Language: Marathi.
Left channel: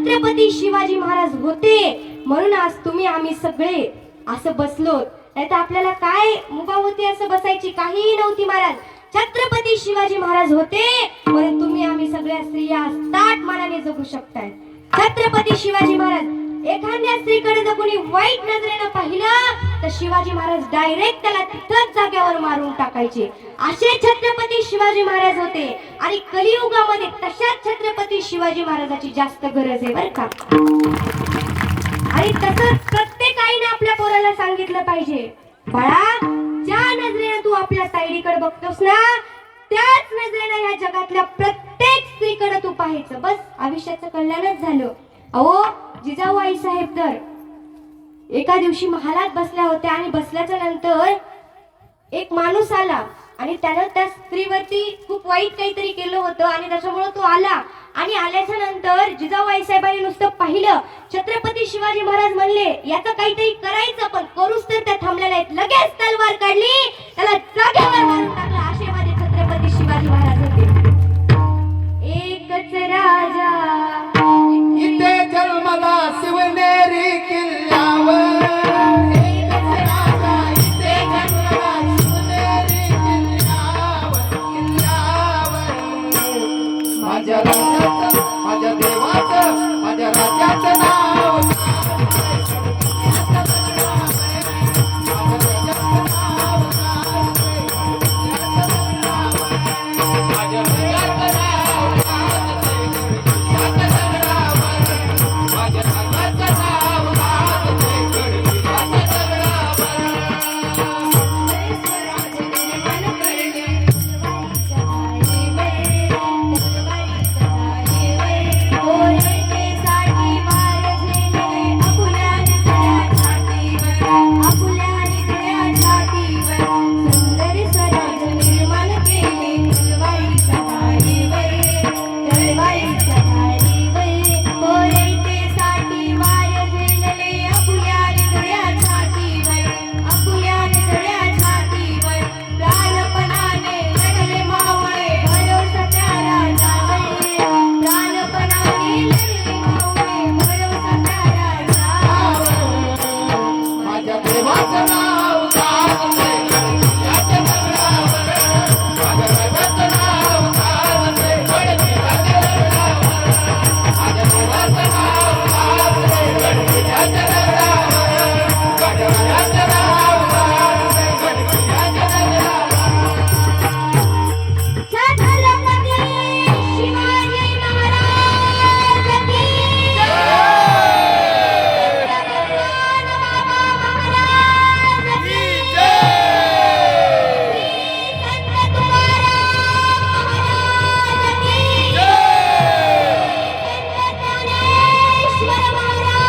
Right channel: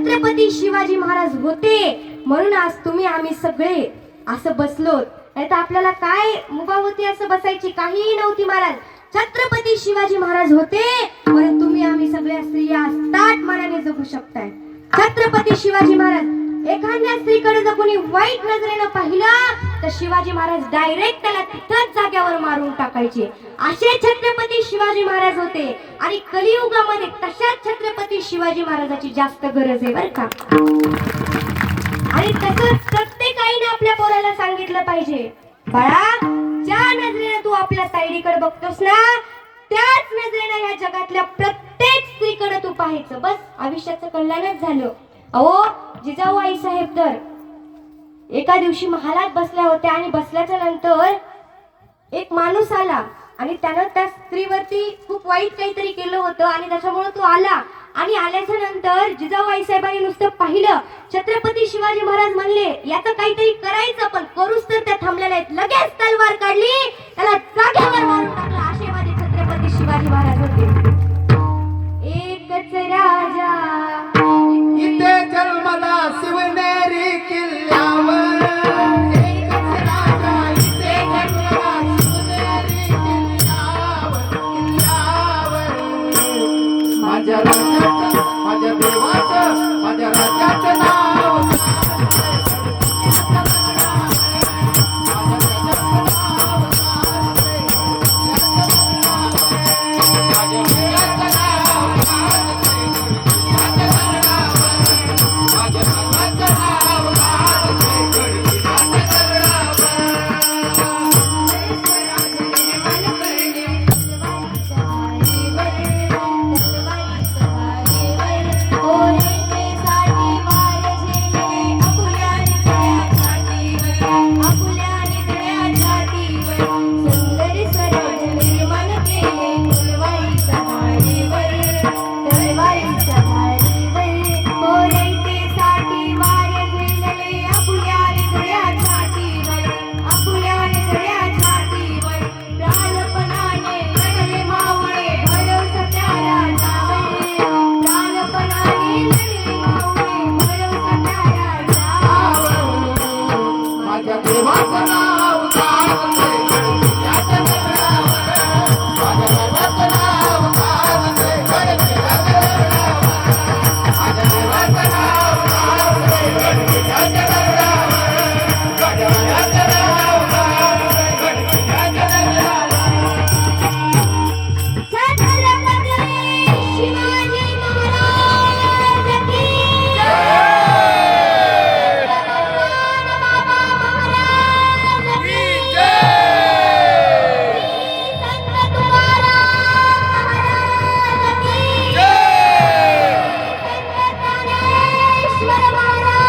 छत्रपती शिवाजी महाराज होते म्हणून आज तुम्ही आम्ही सगळे असं बसलो. नाही तर आपल्याला काय मुभा होती असं बसायची, काहीही नव्हती. महाराज छत्रपती शिवाजी महाराज होते म्हणून तुम्ही आम्ही सगळ्या स्त्रिया ताट मनाने जगू शकताय. छत्रपती शिवाजी महाराज एखाद्या स्त्रीकडे जर कोणी वाईट नजरेनं पाहिलं तर शिवाजी महाराज डायरेक्ट त्याला तिथंच जाग्यावर मारून टाकायचे. असे छत्रपती शिवाजी महाराज होते आणि कलियुगामध्ये तशाच छत्रपती शिवाजी महाराजाची जास्त गरज आहे बरं का. आणि तसंच प्रत्येक आईने आपल्या पोराला सांगितलं पाहिजे, बाळा ज्या नजरेनं तू आपल्या ताईडीकडे बघतोस ना त्याच नजरेनं या जगातल्या प्रत्येक स्त्रीकडे तू पाहायचं. बस आयुष्याचं कल्याणच झालं. अहो जिजाऊ आई साहेब तर एका दिवशी महालात बसल्या होत्या आणि बसल्याच्या नंतर एक माणूस आला आणि त्यानं त्या स्त्रीवरती खूप वाईट काहीतरी केलं होतं आणि त्याच्यामुळे तो आला. आणि आल्याच्या नंतर जिजाऊ आई साहेबांनी नुसतं पाहिलं. छत्रपती शिवाजी महाराज म्हणले याचं काहीतरी करायचं, पण करूच तर त्या थांबलेल्या आहेत. लगेच तलवार काढली, त्याला जागेवर मारून टाकलं. असे माझे छत्रपती शिवाजी महाराज होते. एकच राजा इथे जन्मला शिवनेरी किल्ल्यावर, एकच राजा इथे जन्मला शिवनेरी किल्ल्यावर, किल्ल्यावर. माझ्या राजाचं, माझ्या देवाचं, माझ्या राजाचं नाव महाराज